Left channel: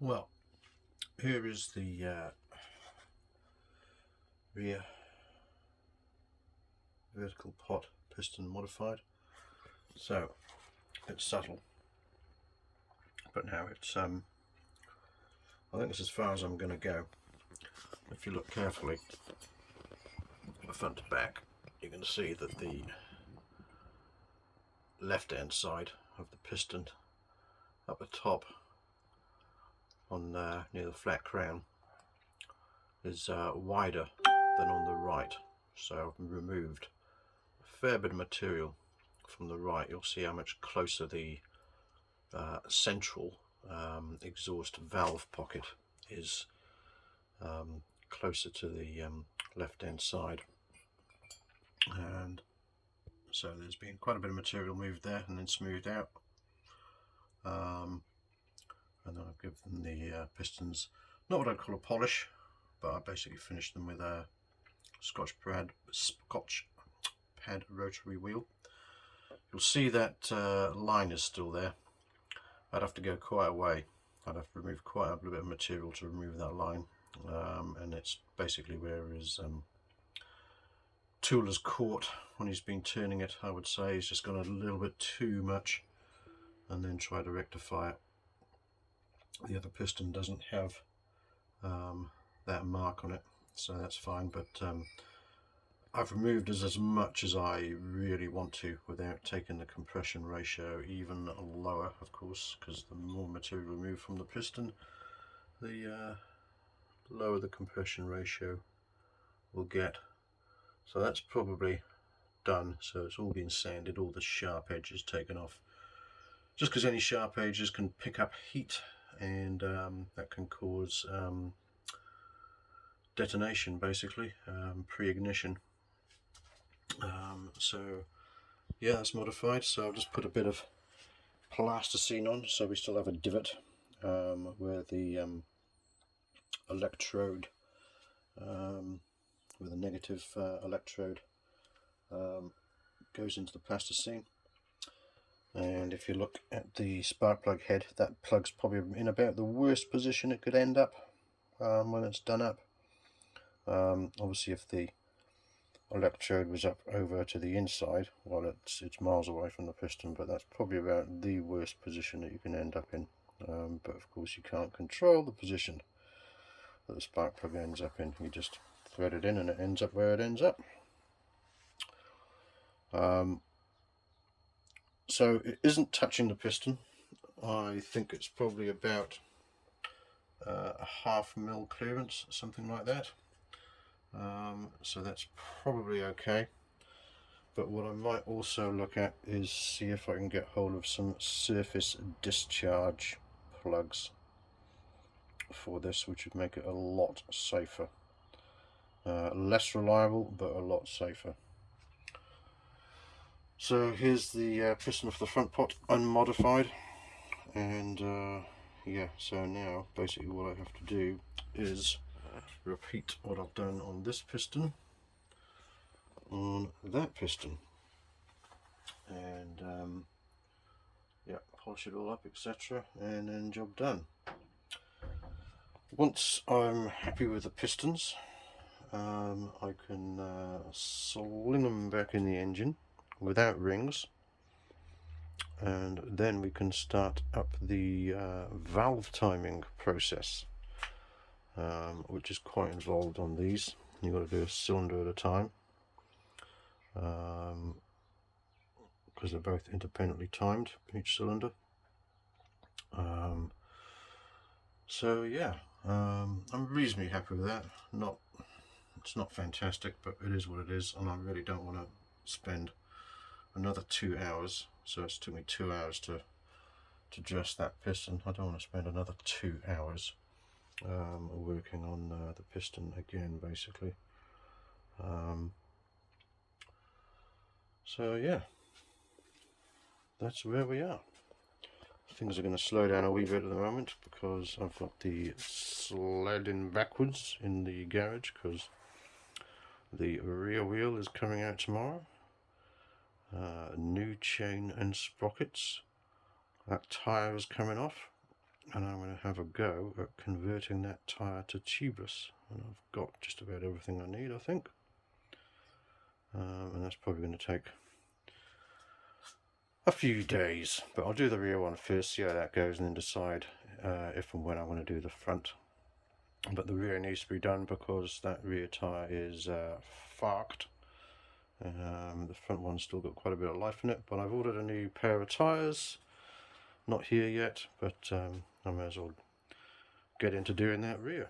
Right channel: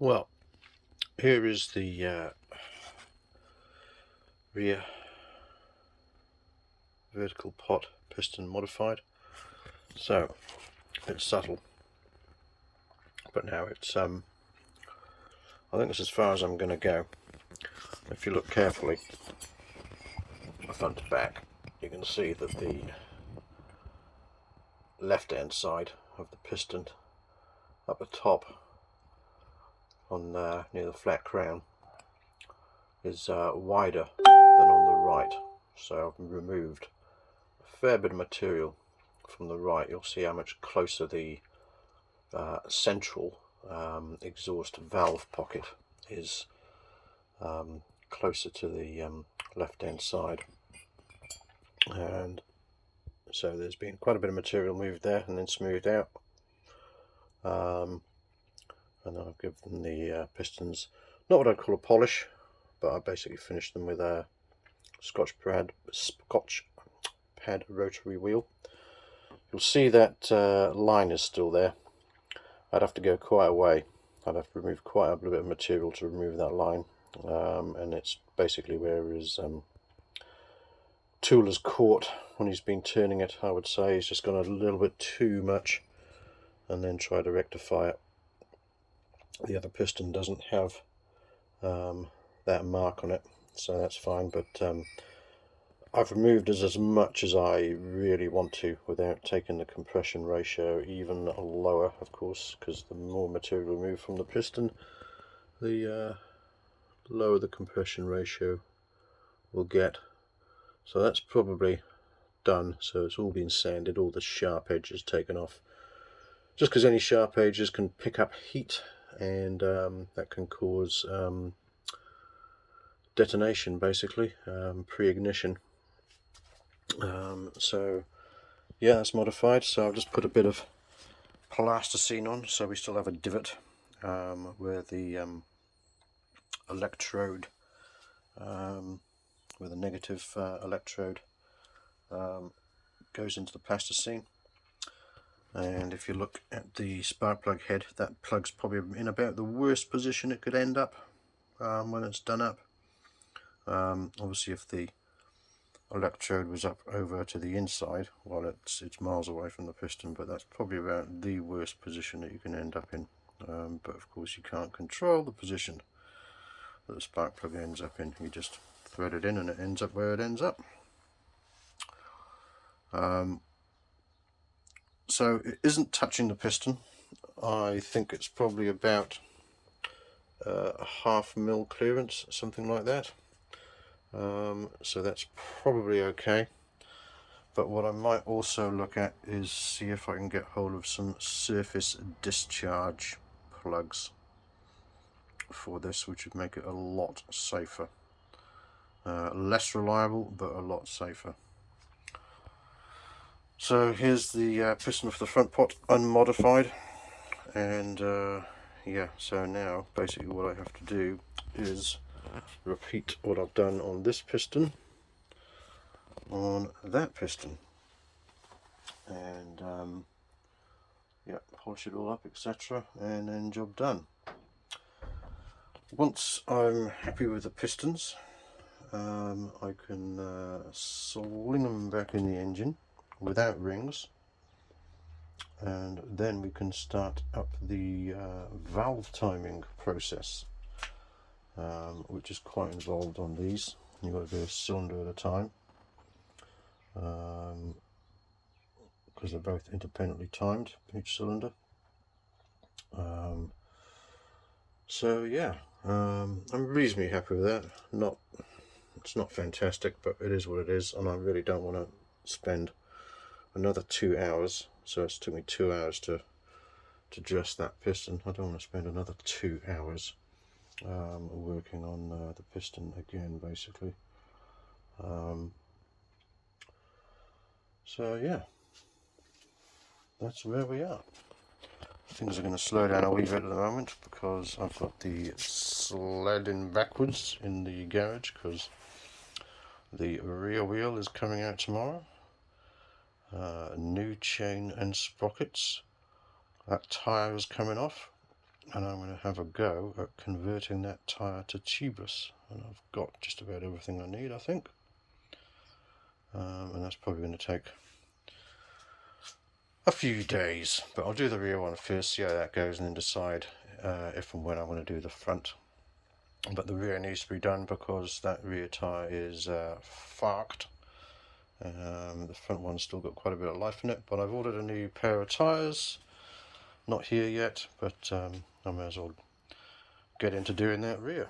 Well, here is the rear vertical pot piston modified. So it's subtle, but now it's I think it's as far as I'm going to go. If you look carefully, front to back, you can see that the left hand side of the piston up the top on near the flat crown is wider than on the right, so I've removed a fair bit of material from the right. You'll see how much closer the central exhaust valve pocket is closer to the left hand side, and so there's been quite a bit of material moved there and then smoothed out, and then I've given the pistons not what I'd call a polish, but I basically finished them with a Scotch pad rotary wheel. You'll see that line is still there. I'd have to go quite a way. I'd have to remove quite a bit of material to remove that line, and it's basically where his tool is caught when he's been turning it. I would say he's just gone a little bit too much, and then try to rectify it. The other piston doesn't have that mark on it, so that's fine, but I've removed as much as I really want to without taking the compression ratio even lower, of course, because the more material removed from the piston, the lower the compression ratio will get. So that's probably done. So it's all been sanded, all the sharp edges taken off, just because any sharp edges can pick up heat, and that can cause detonation, basically, pre-ignition. So yeah, that's modified. So I've just put a bit of plasticine on, so we still have a divot where the electrode, where the negative electrode goes into the plasticine. And if you look at the spark plug head, that plug's probably in about the worst position it could end up when it's done up. Obviously, if the electrode was up over to the inside, well, it's miles away from the piston, but that's probably about the worst position that you can end up in. But of course you can't control the position that the spark plug ends up in. You just thread it in and it ends up where it ends up. So it isn't touching the piston. I think it's probably about a half mil clearance, something like that. So that's probably okay. But what I might also look at is see if I can get hold of some surface discharge plugs for this, which would make it a lot safer. Less reliable, but a lot safer. So here's the piston for the front pot unmodified, and yeah, so now basically what I have to do is repeat what I've done on this piston on that piston, and yeah, polish it all up, etc., and then job done. Once I'm happy with the pistons, I can sling them back in the engine without rings, and then we can start up the valve timing process, which is quite involved on these. You've got to do a cylinder at a time, because they're both independently timed, each cylinder. So yeah, I'm reasonably happy with that. It's not fantastic, but it is what it is, and I really don't want to spend another 2 hours. So it's took me 2 hours to dress that piston. I don't want to spend another 2 hours working on the piston again, basically. So yeah, that's where we are. Things are going to slow down a wee bit at the moment because I've got the sliding backwards in the garage because the rear wheel is coming out tomorrow. New chain and sprockets. That tyre is coming off. and I'm going to have a go at converting that tyre to tubeless, and I've got just about everything I need, I think. And that's probably going to take a few days, but I'll do the rear one first, see how that goes, and then decide if and when I want to do the front. But the rear needs to be done because that rear tyre is fucked. The front one's still got quite a bit of life in it, but I've ordered a new pair of tyres. Not here yet, but I may as well get into doing that rear.